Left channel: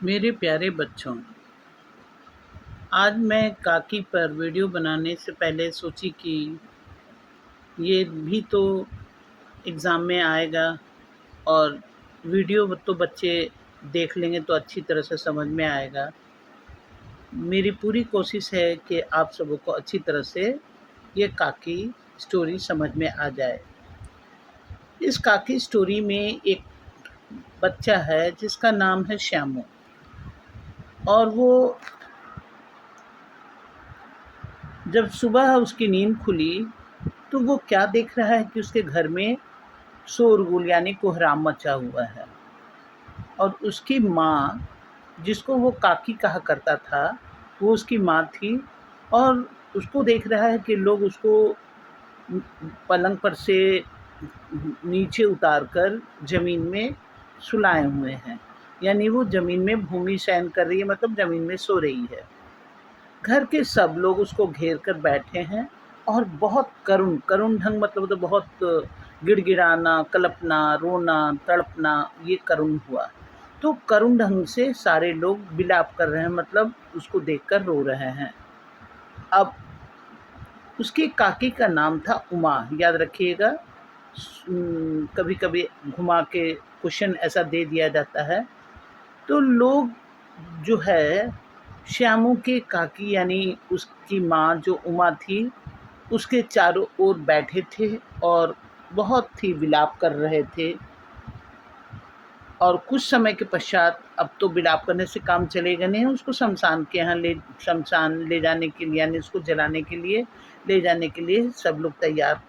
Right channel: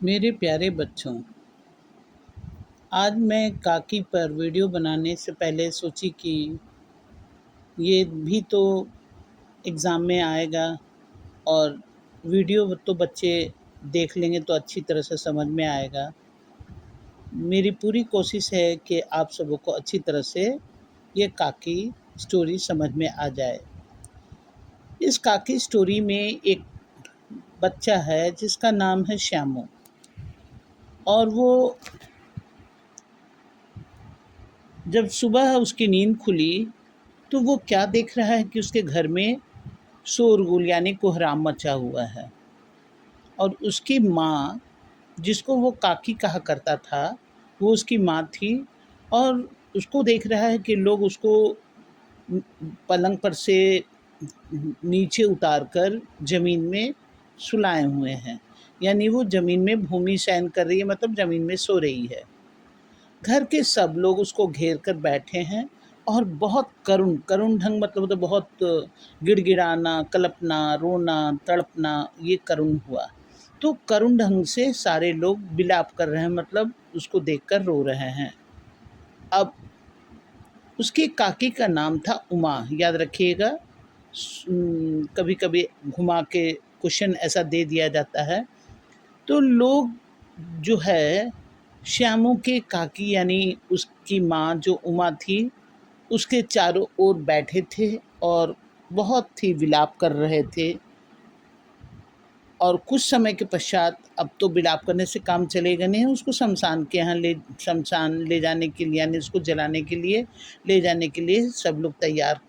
मेरे प्यारे बच्चों, आज मैं काकी पर वीडियो बनाने से पहले सोची कि ये भी तो एग्ज़ाम में आएगा और वीडियो तो बच्चे देख लेंगे तो अच्छी तरह से समझ में आएगा। मेरी पूरी कोशिश है कि आप सबों को अच्छी तरह से ये काकी स्टोरी समझ में आ जाए। इस काकी स्टोरी में एक बच्चा है जिसका नाम है श्यामू और वो जब सुबह उसकी नींद खुली तो वो क्या देख रहा है कि उसके घर में शोरगुल यानी कोहराम मचा हुआ है और उसकी माँ, जिसको वो काकी कहा करता था, वो उसकी माँ थी और उसको देख रहा है कि लोग उसको पलंग पर से नीचे उतार कर ज़मीन में सुलाए हुए हैं। यानी वो ज़मीन में भूमि शयन कर रही है, मतलब ज़मीन में सो रही है। घर के सब लोग उसको घेर कर बैठे हैं और बहुत करुण करुण ढंग, मतलब तो बहुत गिड़गिड़ाना, कलपना, रोना, तड़पना, ये करुण हुआ। तो करुण ढंग से सारे लोग विलाप कर रहे हैं, मतलब उसको देखकर रो रहे हैं। अब उसकी काकी का नाम था उमा, याद रखिएगा। कभी कभी घुमा के क्वेश्चन ऐसा दे दिया जाता है। तो लोग जो है श्यामू के काकी यानी उसकी माँ जो उमा थी, उसके चारों ओर बैठे थे और बहुत ही विलाप कर रहे थे। और कुछ समय के पश्चात, अब तो विलाप करने से काम चलेगा नहीं, उसको शमशान ले जाने के लिए, यानी उसको जलाने के लिए ले जाने के लिए सब लोग तैयार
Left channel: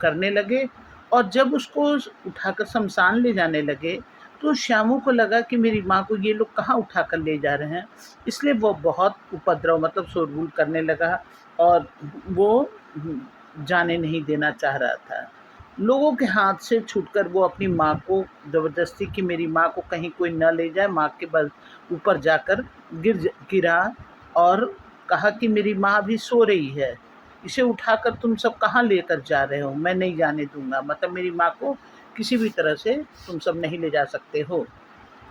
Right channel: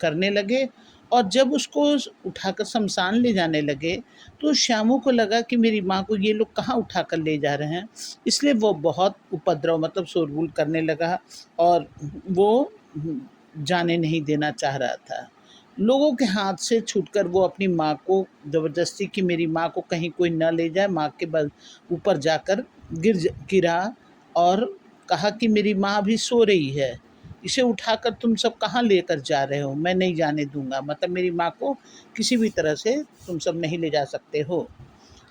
करने लगे। और जब उसको उठाकर शमशान ले जाने लगे तो श्यामू को लगा कि मेरी माँ को ये लोग कहाँ उठाकर ले जा रहे हैं। इसलिए वो बहुत उपद्रव, मतलब शोरगुल करने लगा और वो जाने नहीं देना चाह रहा था। लोगों के हाथ से छूटकर वो अपनी माँ को ज़बरदस्ती, कि मेरी माँ को कहीं कोई न ले जाए, माँ के बल ऊपर जाकर गिरा और कहा कि मेरी माँ अभी सो रही है, इसे उठाकर तुम सब कहाँ लेकर जा रहे हो, मैं नहीं जाने दूंगा, मतलब मेरी माँ को किसी भी तरह से तुम सब नहीं ले जा सकते हो।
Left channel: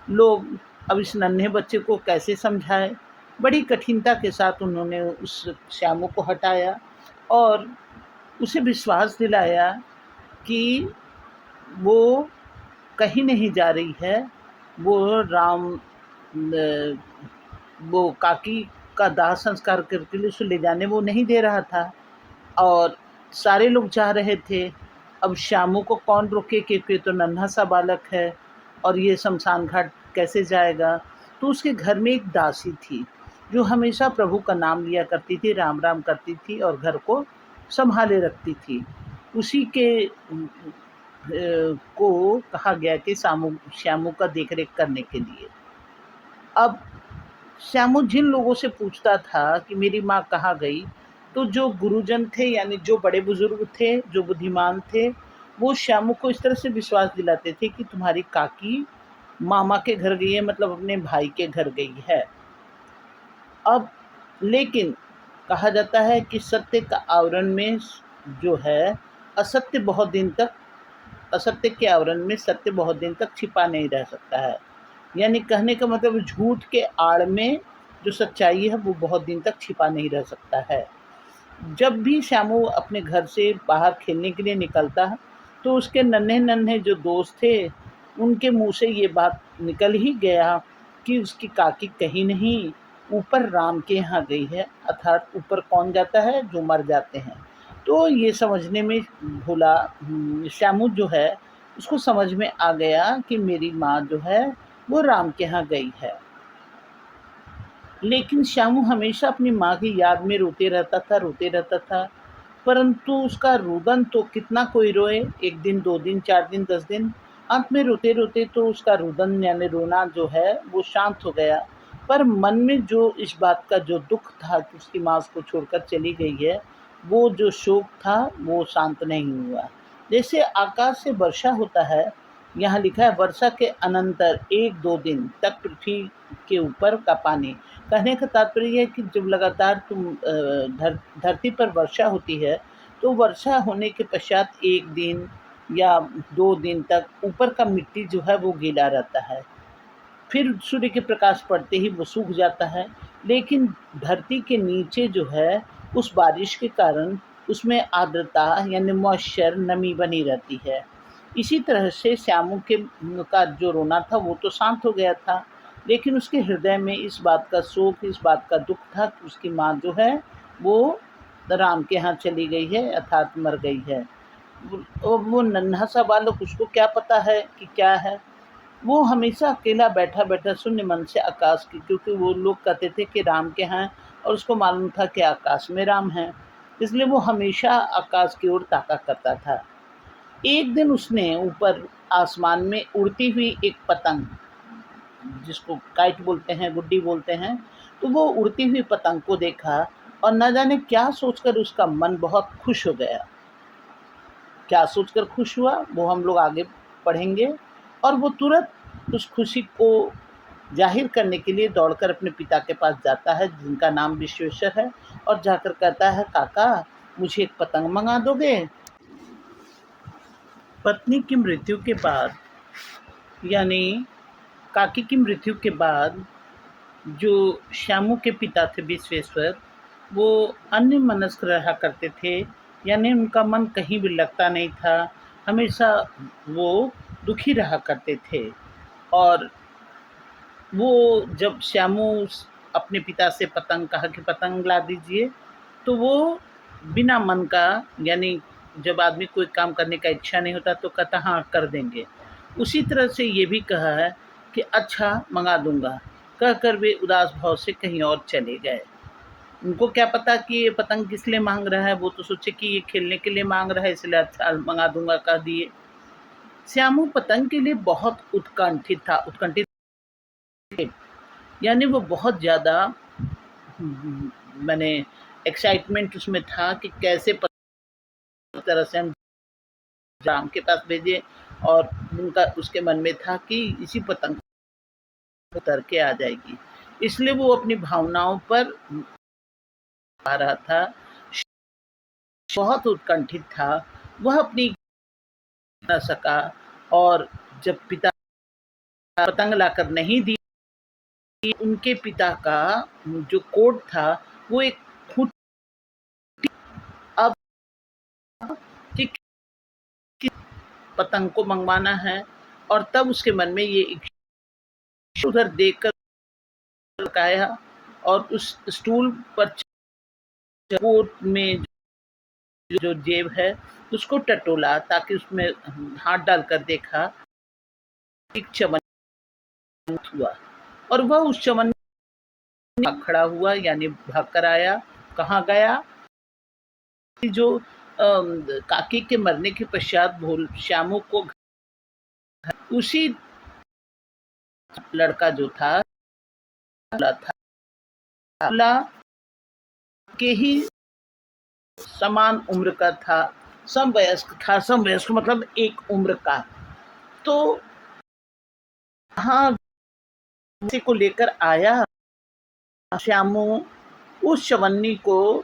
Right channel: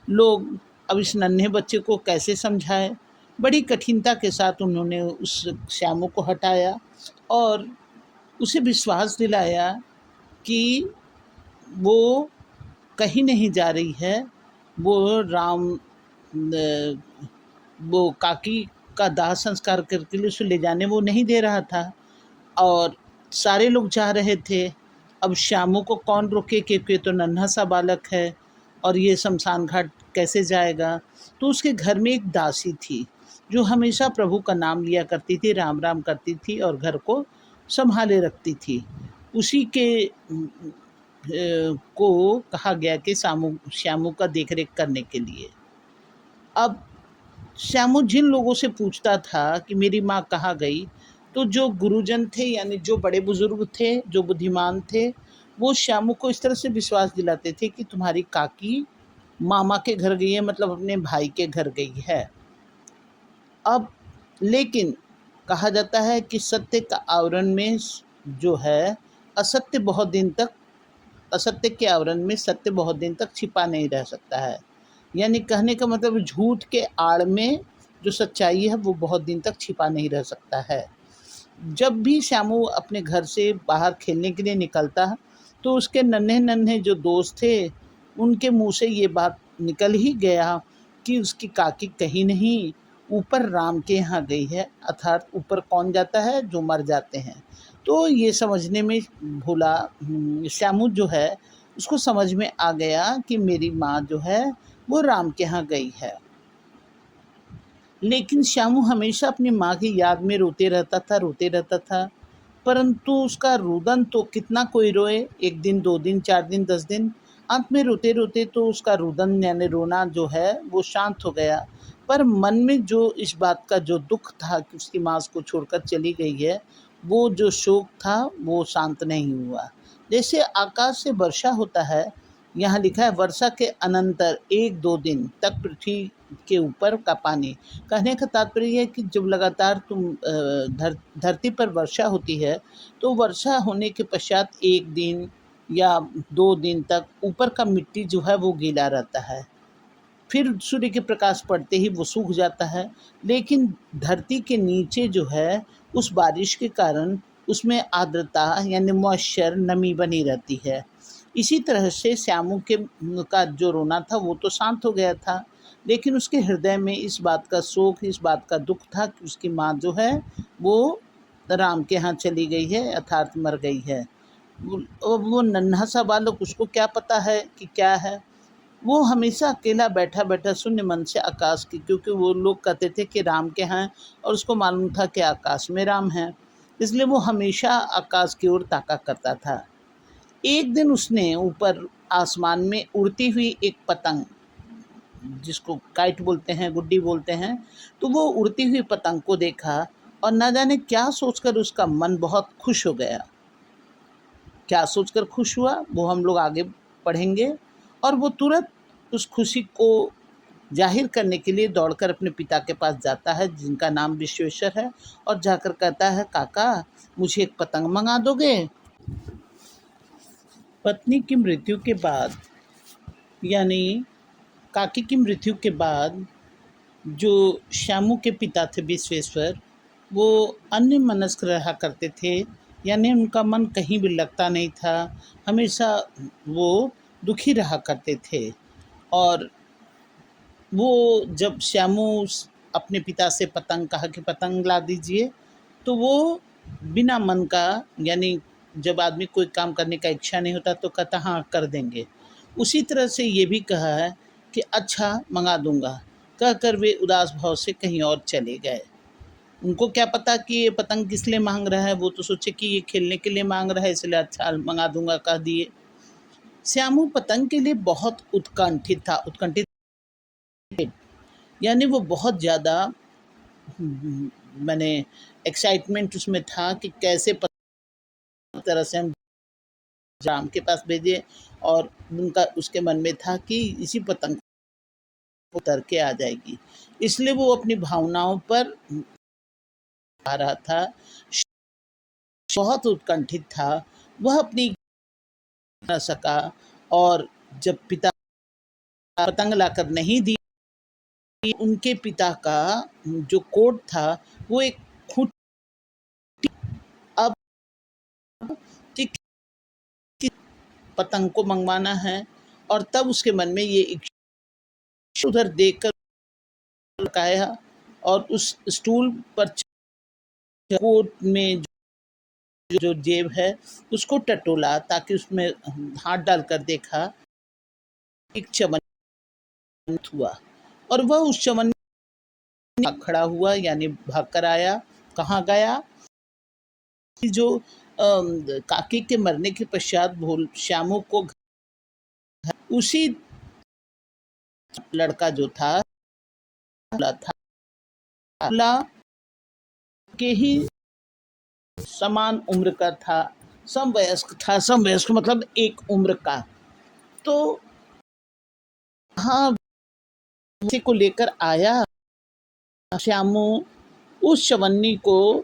लोग अब इस नन्हे बच्चे को कैसे समझाए। बड़ी कठिनता के साथ उन्होंने उस श्यामू को हटाया और उसे विश्वास दिलाया कि वो कहीं नहीं जा रही है। वो राम न, वो काकी का दाह संस्कार करके उसे ले जाने वो नहीं दे रहा था और सारे लोग जा रहे थे। अब श्यामू को कौन रोके, क्योंकि ये तो नन्हा सा बालक है और ये शमशान घाट कैसे जाएगा। तो उसके घर में एक दासी थी जो हमेशा प्रभु का नाम लिया करती थी, राम राम करती थी और घर को संभाले रखती थी। उसी के को कहा गया कि श्यामू का देख रेख करने के लिए। अब श्यामू जिन लोगों से पूछता था कि मेरी माँ कहाँ गई, तो जो गुरुजन थे यानी जो बड़े बुजुर्ग थे, जो बुद्धिमान थे, वो श्यामू को इस तरह से विश्वास दिलाते थे कि तुम्हारी काकी मामा के घर गई है, मतलब अपने भाई के घर गई है। अब लेकिन कहा जाता है कि सत्य का आवरण में जो है असत्य बहुत दिन तक असत्य के आवरण में सत्य बहुत दिन तक छिपा नहीं रह सकता है। यानी कहने का मतलब झूठ के आड़ में जो सच्चाई है वो बहुत दिन तक छिपा नहीं रह सकता है। जब भी श्यामू अपने घर से बाहर खेलने के लिए निकलता तो उसके नन्हे-नन्हे जो दोस्त थे, उनके मुँह से ये बात निकल ही गया कि उसकी काकी कहीं नहीं ऊपर राम के यहाँ गई है, अर्थात ऊपर कौन जाता है? जो मर जाते हैं। तो ये समझने में श्यामू जो है उसको समझ में आ गया कि मेरी माँ जो है वो राम के यहाँ गई है। लेकिन श्यामू हमेशा अपनी माँ की याद में रोते रहता था, परंतु उसका रुदन तो कितना कोई रोए, 1 दिन, 2 दिन, 4 दिन, 10 दिन, अंत में रोते-रोते तो उसका रुदन यानी रोना जो है वो शांत हो गया। पर मन में जो इस बात का जो दुःख था कि उसकी माँ उसको छोड़कर चली गई है, वो जो शोक था वो शांत नहीं हुआ। जैसे आकाश से वर्षा होता है, यहाँ लिखा है वर्षा के अनंतर 1-2 दिन तक पृथ्वी के ऊपर का पानी। कहने का तात्पर्य ये है कि जब लगातार धरती पर वर्षा होती है, तो वर्षा होने के पश्चात 1 दिन या 2 दिन तक ऊपर का मिट्टी जो है वो गीला रहता है। फिर सूर्य के प्रकाश पड़ते ही वो सूख जाता है। लेकिन धरती के नीचे जो है, उस बारिश के कारण उसमें आर्द्रता यानी मॉइस्चर, नमी बनी रहती है। इसी तरह से श्यामू के का जो रोना था वो तो शांत हो गया था, लेकिन उसके हृदय में इस बात का शोक, इस बात का दुःख था कि उसकी माँ जो है वो राम के यहाँ चली गई है, अर्थात मर गई है। वो नन्हा सा बालक, उसको क्या पता है कि क्या है। वो हमेशा अकेला बैठा-बैठा शून्य मन से आकाश की, क्योंकि वो लोग कहते थे कि राम के हैं और उसको मालूम था कि आकाश में राम हैं, इसलिए वो हमेशा आकाश की ओर ताका करता था। एक दिन उसने ऊपर आसमान में उड़ती हुई एक पतंग, जिसको काइट बोलते हैं, गुड्डी बोलते हैं, तो वो उड़ती हुई पतंग को देखा और न जाने क्या सोचकर उसका मन बहुत खुश हो गया। क्या सोचकर खुश हुआ वो हम लोग आगे पढ़ेंगे। और वो तुरंत उस खुशी को ज़ाहिर करने के लिए दौड़कर अपने पिता के पास जाता है, जिनका नाम विश्वेश्वर है, और जाकर कहता है, काका मुझे एक पतंग मंगा दोगे? पत्नी की मृत्यु के बाद, यानी काकी की मृत्यु के बाद, जो श्यामू के पिता थे विश्वेश्वर, वो अन्यमनस्क रहा करते थे, यानी उनका मन कहीं भी लगता नहीं था। हमेशा वो दुखी रहा करते थे। और वो जब श्यामू अपने पिता से पतंग कहा कि पतंग ला दीजिए, तो वो बिना मन का, यानी जब आदमी कोई काम करने का इच्छा नहीं होता तो कहता हाँ कर देंगे, उसी तरह से ये भी कहा है कि अच्छा मंगा दूंगा, कहकर वे उदास भाव से कहीं और चले गए। उनको क्या पता कि ये पतंग किस लिए मांग रहा है, वो तो सोचे कि ये खेलने के लिए मांग रहा है, इसलिए अच्छा मंगा दूंगा कह दिए। श्यामू पतंग के लिए बहुत उत्कंठित था, उत्कंठित, यानी वो बहुत ज़्यादा मैंने एक्साइटमेंट उसमें था कि कैसे तरह से हम राम के पास भेजे। और उनका उसके मन में था कि इसी पतंग को उतर के आ जाएगी, इसलिए वो अपनी भावनाओं पर आ रहा था, बहुत उत्कंठित था। वह अपनी न सका, और जब पिता पतंग लाकर नहीं दी, उनके पिता का जो कोट था वो एक खूंटी, अब कि पतंग को मंगवाना है, और तब उसके मन में ये इच्छा उधर देखकर लकाया और उस स्टूल पर कोट में जो जेब है उसको टटोला, ताकि उसमें हाथ डालकर देखा, एक चमन हुआ, और वह उस चमन में खड़ा हुआ, यानी भाग कर आया। कहाँ गया कि जो काकी के मरने के पश्चात भोल श्यामू को उसी लड़का जो था के ही समान उम्र का था, समवयस्क था, समवयस्क मतलब एक उम्र का। तो हाँ, उसी को लेकर आया श्यामू। उस चवन्नी को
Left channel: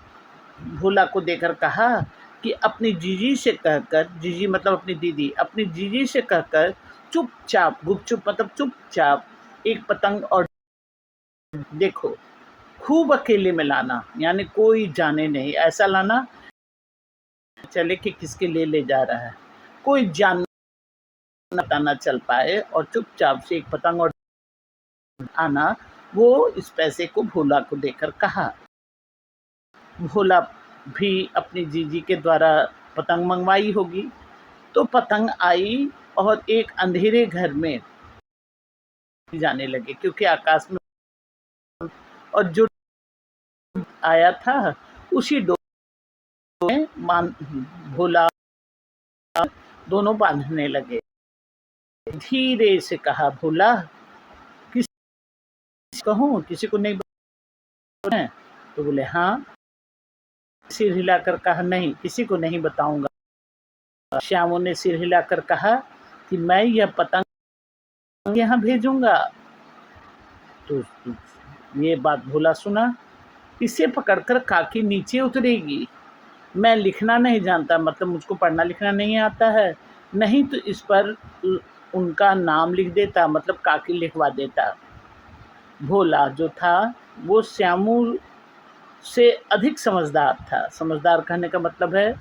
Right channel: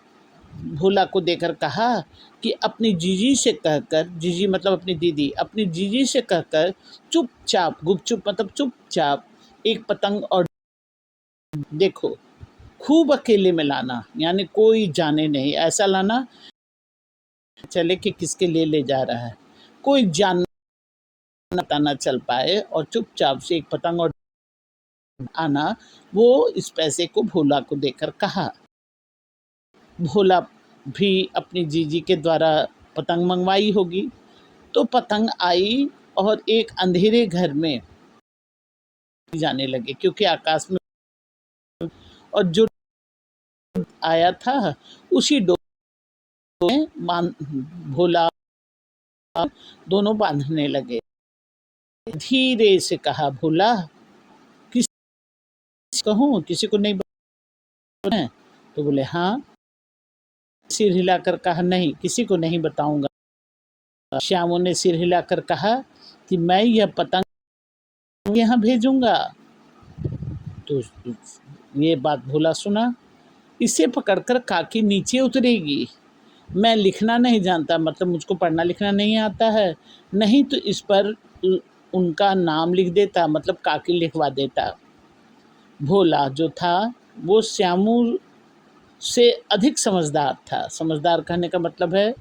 भोला को देकर कहा कि अपनी जीजी से कहकर, जीजी मतलब अपनी दीदी, अपनी जीजी से कहकर चुपचाप, गुपचुप मतलब चुपचाप एक पतंग और देखो, खूब अकेले में लाना, यानी कोई जाने नहीं, ऐसा लाना चले कि किसके लिए ले जा रहा है, कोई जान पता ना चल पाए, और चुपचाप से एक पतंग और आना। वो इस पैसे को भोला को देकर कहा। भोला भी अपनी जीजी के द्वारा पतंग मंगवाई होगी, तो पतंग आई और एक अंधेरे घर में जाने लगे, क्योंकि आकाश में और जो आया था उसी डोर में भोला दोनों बांधने लगे। धीरे से कहा, भोला किसी कहूँ, किसी को नहीं बताना? तो बोले हाँ। सिर हिलाकर कहा, नहीं किसी को नहीं बताऊंगा। श्यामू ने सिर हिलाकर कहा कि मैं यह पतंग यहाँ भेजूंगा। तो ये बात भोला सुना, इसे पकड़कर काकी नीचे उतरेगी। मैं लिखना नहीं जानता, मतलब मुझको पढ़ना लिखना नहीं आता है, नहीं तो इस पर उनका नाम लिख देता, मतलब काकी लिखवा देता। भोला जो था वो श्यामू से अधिक समझदार था। समझदार कहने का मतलब है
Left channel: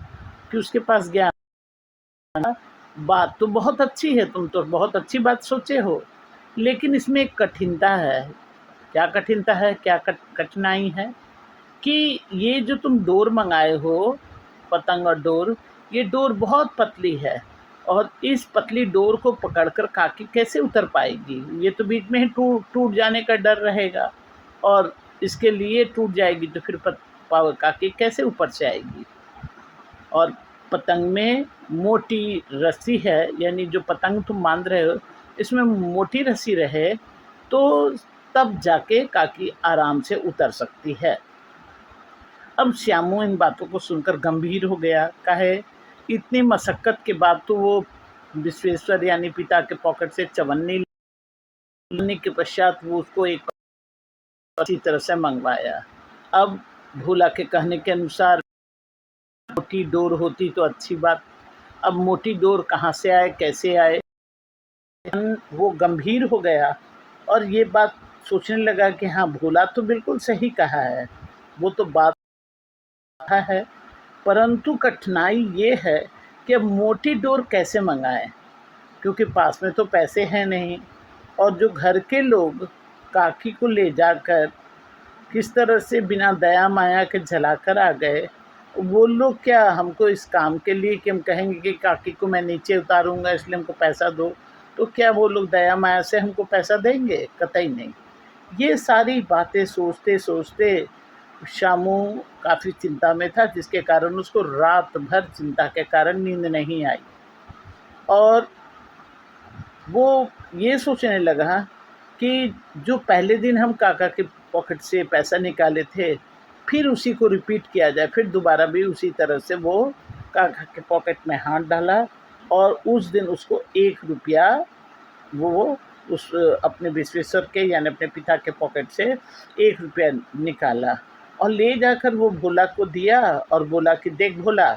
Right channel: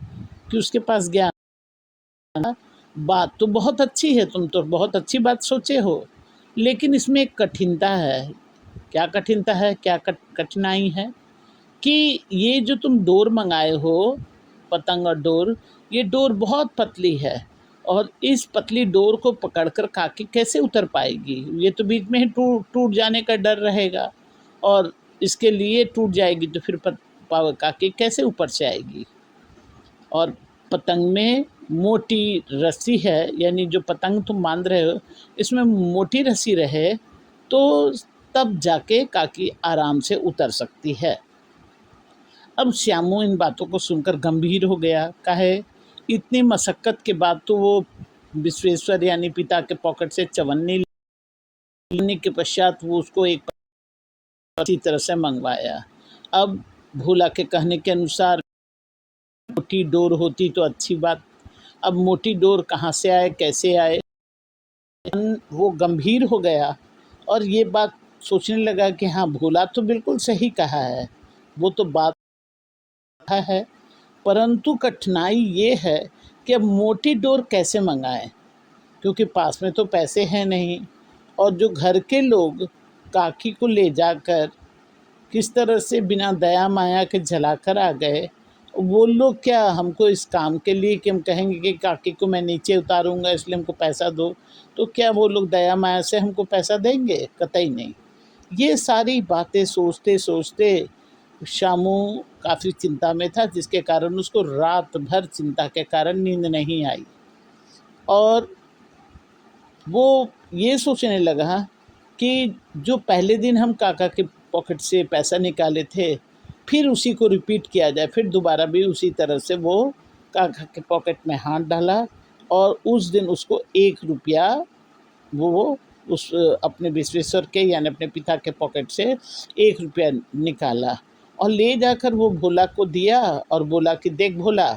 कि उसके पास ज्ञान था। बात तो बहुत अच्छी है, तुम तो बहुत अच्छी बात सोचे हो, लेकिन इसमें एक कठिनता है। क्या कठिनता है, क्या कठिनाई है कि ये जो तुम डोर मंगाए हो, पतंग और डोर, ये डोर बहुत पतली है और इस पतली डोर को पकड़कर काकी कैसे उतर पाएगी? ये तो बीच में ही टूट टूट जाने का डर रहेगा और इसके लिए टूट जाएगी तो फिर काकी कैसे ऊपर से आएगी? और पतंग में मोटी रस्सी है, यानी जो पतंग तुम बांध रहे हो इसमें मोटी रस्सी रहे तो तब जाके काकी आराम से उतर सकती है। अब श्यामू इन बातों को सुनकर गंभीर हो गया। काहे? इतनी मशक्कत के बाद तो वो विश्वेश्वर यानी पिता के पॉकेट से चवन्नी लेने के पश्चात वो उसको एक अच्छी तरह से मंगवाया। अब भोला के कहने के अनुसार मोटी डोर होती तो अच्छी बात। अब मोटी डोर कहाँ से आए, कैसे आए? वो गंभीर हो गया और ये बात सोचने लगा कि हाँ, भोला तो बिल्कुल सही कहा है, वो तो बात है, परंतु कठिनाई ये है कि अब मोटी डोर कैसे मंगाएं, क्योंकि पास में तो पैसे हैं नहीं और जो घर के लोग काकी को ले जाकर किस तरह से बिना दया माया के झलाकर आ गए, वो लोग क्या हमको इस काम के लिए कि हम कहेंगे कि काकी को मैं नीचे उतारूंगा इसलिए हमको पैसा दो, तो क्या वो लोग दया माया से हमको पैसा देंगे? कतई नहीं। ये सारी बातें सोचते सोचते शामू काफ़ी चिंता में था, जिसके कारण उसको रात भर चिंता के कारण नींद नहीं आई और वो ये सोचने लगा कि जो पहले दिन हम काका के पॉकेट से पैसा निकाले थे, फिर उसी को रिपीट किया जाए, फिर दोबारा भी उसी तरह से वो काका के पॉकेट में हाथ डाला और उस दिन उसको 1 रुपया वो उस अपने विश्वेश्वर के यानी अपने पिता के पॉकेट से 1 रुपया निकाला और ले जाकर वो भोला को दिया और बोला कि देख भोला,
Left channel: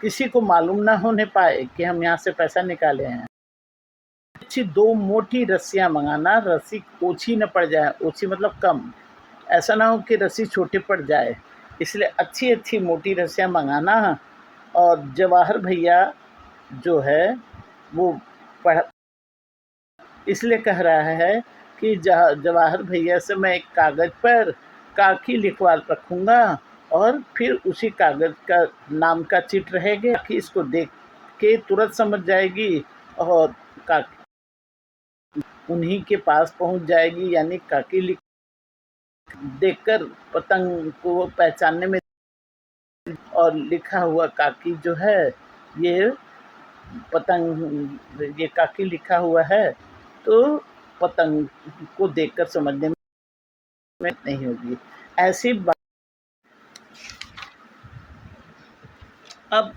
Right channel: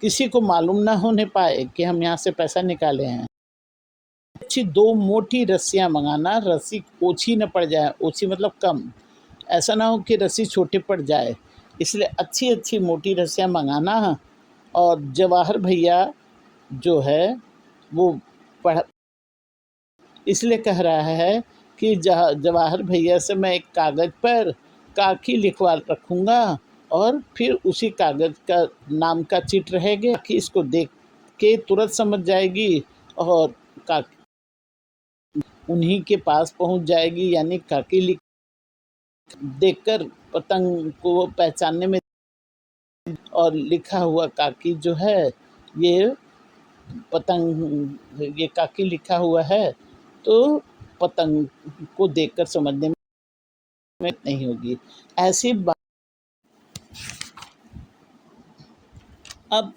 किसी को मालूम ना होने पाए कि हम यहाँ से पैसा निकाले हैं। अच्छी 2 मोटी रस्सियाँ मंगाना, रस्सी ओछी न पड़ जाए, ओछी मतलब कम, ऐसा ना हो कि रस्सी छोटी पड़ जाए, इसलिए अच्छी-अच्छी मोटी रस्सियाँ मंगाना। और जवाहर भैया जो है वो पढ़ इसलिए कह रहा है कि जवाहर भैया से मैं एक कागज़ पर काकी लिखवा रखूँगा और फिर उसी कागज़ का नाम का चिट रहेगा कि इसको देख के तुरंत समझ जाएगी और काकी उन्हीं के पास पहुंच जाएगी, यानी काकी लिख देखकर पतंग को पहचानने में। और लिखा हुआ काकी जो है ये पतंग, ये काकी लिखा हुआ है तो पतंग को देखकर समझने में नहीं होगी। ऐसी बात। अब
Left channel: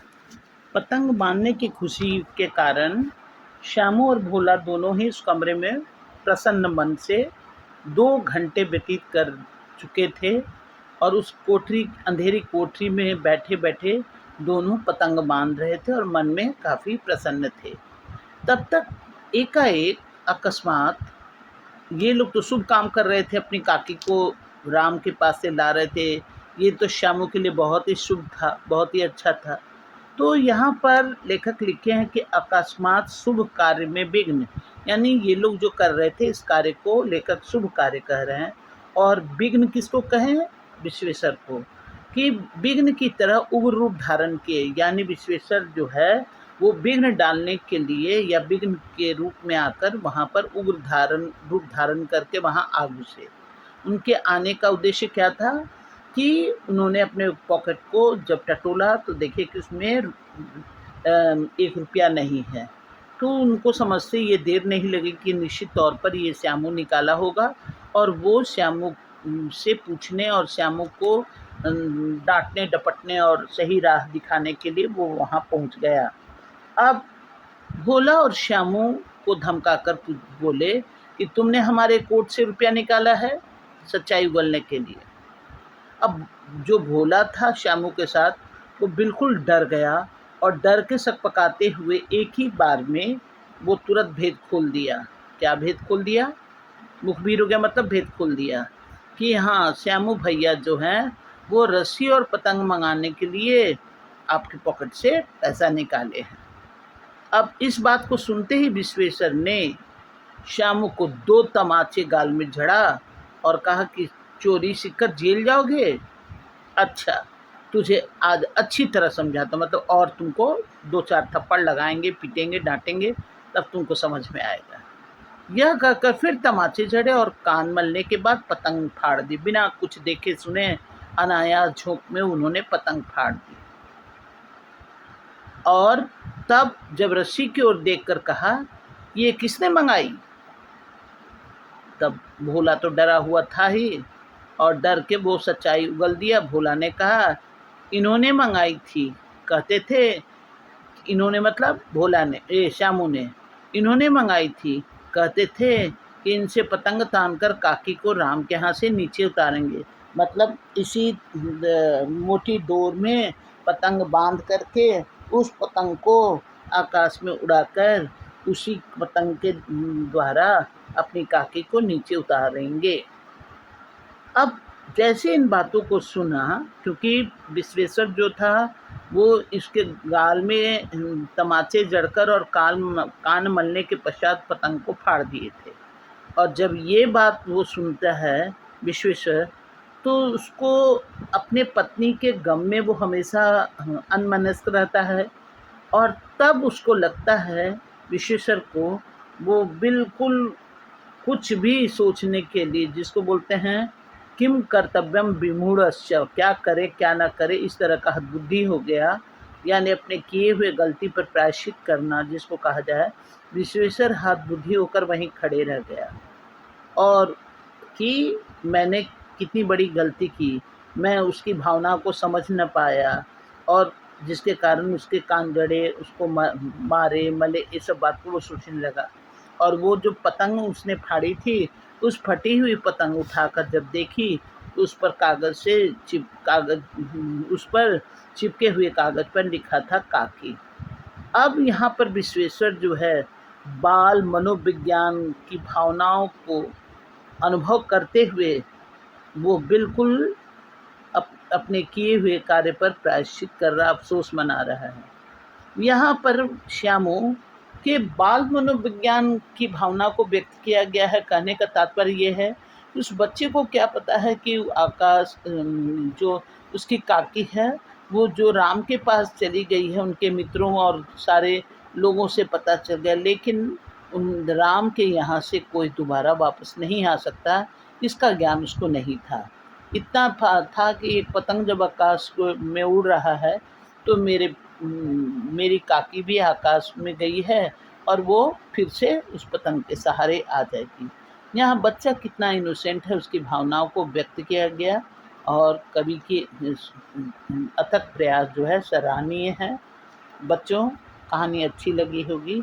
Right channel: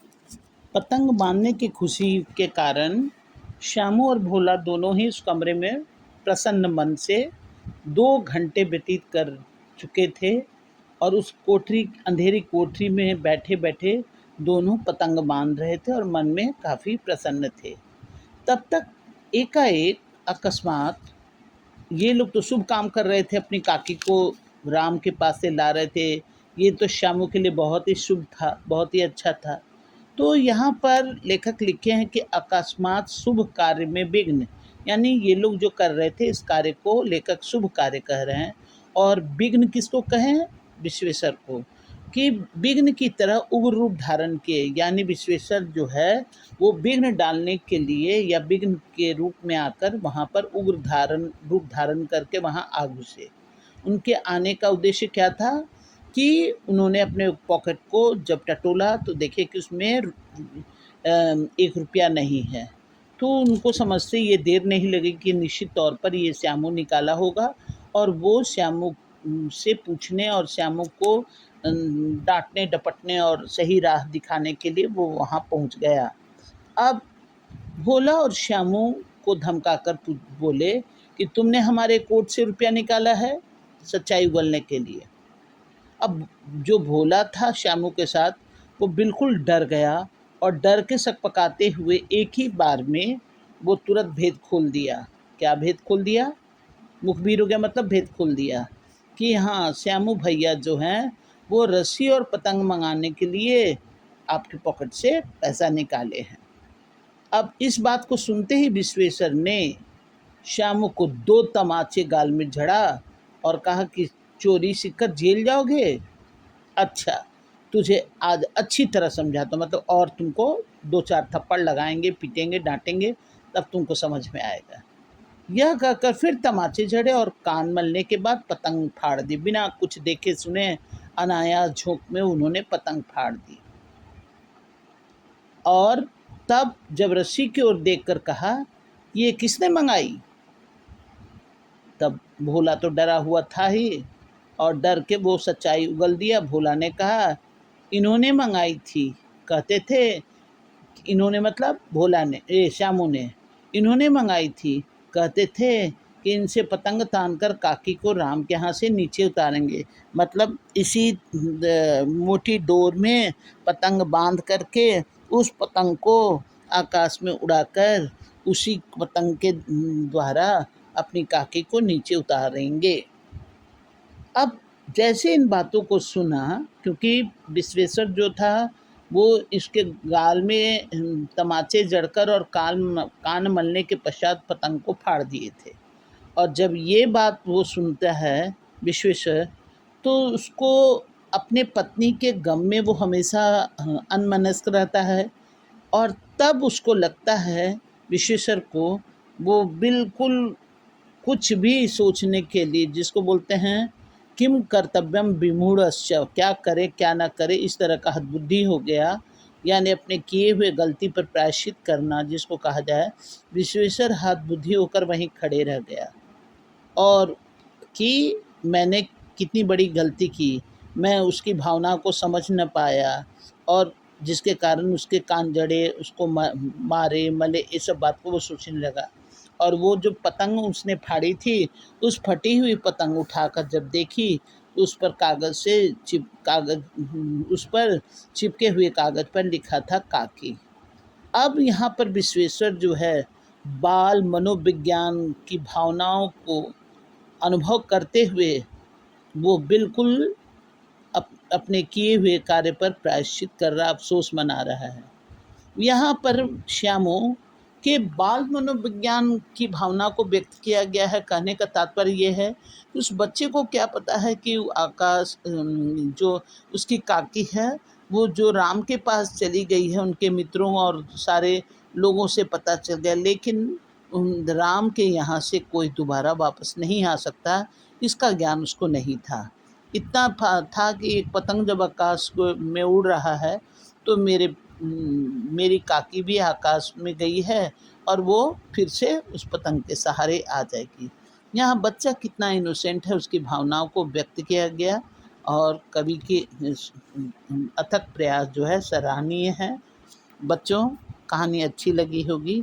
पतंग बांधने की खुशी के कारण श्यामू और भोला दोनों ही उस कमरे में प्रसन्न मन से 2 घंटे व्यतीत कर चुके थे और उस कोठरी अंधेरी कोठरी में बैठे-बैठे दोनों पतंग बांध रहे थे और मन में काफ़ी प्रसन्न थे। तब तक एकाएक अकस्मात ये लोग तो शुभ काम कर रहे थे, अपनी काकी को राम के पास से ला रहे थे। ये तो श्यामू के लिए बहुत ही शुभ था, बहुत ही अच्छा था। तो यहाँ पर लेखक लिखे हैं कि अकस्मात शुभ कार्य में विघ्न, यानी ये लोग जो कर रहे थे इस कार्य को लेखक शुभ कार्य कह रहे हैं। और विघ्न किसको कहें? विश्वेश्वर को। कि विघ्न की तरह उग्र रूप धारण किए, यानी विश्वेश्वर जो है वो विघ्न डालने के लिए या विघ्न के रूप में आकर वहाँ पर उग्र रूप धारण करके वहाँ आ घुसे। उनके आने का उद्देश्य क्या था कि उन्होंने अपने पॉकेट को जब टटोला तो देखे कि उसमें 1 रुपया नहीं है। तो उनको समझते ये देर नहीं लगी कि निश्चित तौर पर ये श्यामू निकाला होगा और वो श्यामू से पूछने और श्यामू को डाँटने डपटने और सही राह दिखाने के लिए वो वहाँ पहुँच गया। अब भोला और श्यामू को धमकाकर बोले कि तुमने हमारे कोट से रुपया निकाला है सच्चाई उगलने के लिए। अब जो भोला था श्यामू के साथ वो बिल्कुल डर गया और डर के सकपकाते हुए एक ही बार में वो तुरंत भेद खोल दिया। क्या भेद खोल दिया? मुखबिर हो गया मतलब भेद खोल दिया कि हाँ, श्यामू भैया जो हैं वो रस्सी और पतंग मंगाने के लिए आपके पॉकेट से पैसा निकाले हैं। अब इस बात को सुनते ही विश्वेश्वर ने श्यामू को 2 तमाचे गाल में झड़ा और कहा कि चोरी सीखकर जेल जाओगे? अच्छा, तुझे आज अच्छी तरह समझाता हूँ, मतलब और तुमको 2-4 थप्पड़ लगाएँगे, पीटेंगे, डाँटेंगे, तब तुमको समझ में आएगा। यह कहकर फिर तमाचे झड़े और कान मलने के बाद पतंग फाड़ दी। बिना कुछ देखे सुने अनायास झोंक में उन्होंने पतंग फाड़ दी। और तब जब रस्सी की ओर देखकर कहा, ये किसने मंगाई? तब भोला तो डरा हुआ था ही और डर के वो सच्चाई उगल दिया। भोला ने कहा, इन्होंने मंगाई थी। कहते थे, इन्होंने मतलब भोला ने, श्यामू ने, इन्होंने मंगाई थी। कहते थे कि इनसे पतंग तानकर काकी को राम के यहाँ से नीचे उतारेंगे। मतलब इसी मोटी डोर में पतंग बांध करके उस पतंग को आकाश में उड़ाकर उसी पतंग के द्वारा अपनी काकी को नीचे उतारेंगे। अब जैसे इन बातों को सुना, क्योंकि विश्वेश्वर जो था वो इसके गाल में तमाचे जड़कर और कान मलने के पश्चात पतंग को फाड़ दिए थे। और जब ये बात वो सुनता है विश्वेश्वर, तो उसको अपने पत्नी के गम में वो हमेशा अन्मनस्क रहता है। और तब उसको लगता है विश्वेश्वर को, वो बिल्कुल कुछ भी सोचने के लिए, जिसको बोलते हैं किम कर्तव्यम विमूढ़स्य, क्या करे क्या ना करे, इस तरह का हतबुद्धि हो गया। यानी अपने किए हुए गलती पर प्रायश्चित करना जिसको कहा जाए, विश्वेश्वर हतबुद्धि होकर वहीं खड़े रह गया और कि मैंने कितनी बड़ी गलती की, मैं उसकी भावना को समझ न पाया और जिसके कारण उसके कान जड़े, उसको मारे मले, ये सब बात को वो सोचने लगा। और वो जो पतंग उसने फाड़ी थी, उस फटी हुई पतंग उठाकर जब देखी तो उस पर उस पर चिपके हुए कागज़ पर लिखा था काकी। अब यहाँ पर विश्वेश्वर जो है बाल मनोविज्ञान की भावनाओं को अनुभव करते हुए वो बिल्कुल अपने किए हुए कार्य पर प्रायश्चित कर रहा, अफ़सोस मना रहा है। यहाँ पर श्यामू के बाल मनोविज्ञान की भावना को व्यक्त किया गया है। कहने का तात्पर्य ये है कि उस बच्चे को क्या पता है कि आकाश जो उसकी काकी है, वो जो राम के पास चली गई है, उनके मित्रों और सारे लोगों से पता चल गया, लेकिन राम के यहाँ से कोई दोबारा वापस नहीं आ सकता, इसका ज्ञान उसको नहीं था। इतना था कि एक पतंग जब आकाश में उड़ रहा है तो मेरी काकी भी आकाश में गई है और वो फिर से उस पतंग के सहारे आ जाएगी। यहाँ बच्चा कितना इनोसेंट है, उसकी भावनाओं को व्यक्त किया गया और कवि की अथक प्रयास जो है सराहनीय है। बच्चों, कहानी अच्छी लगी होगी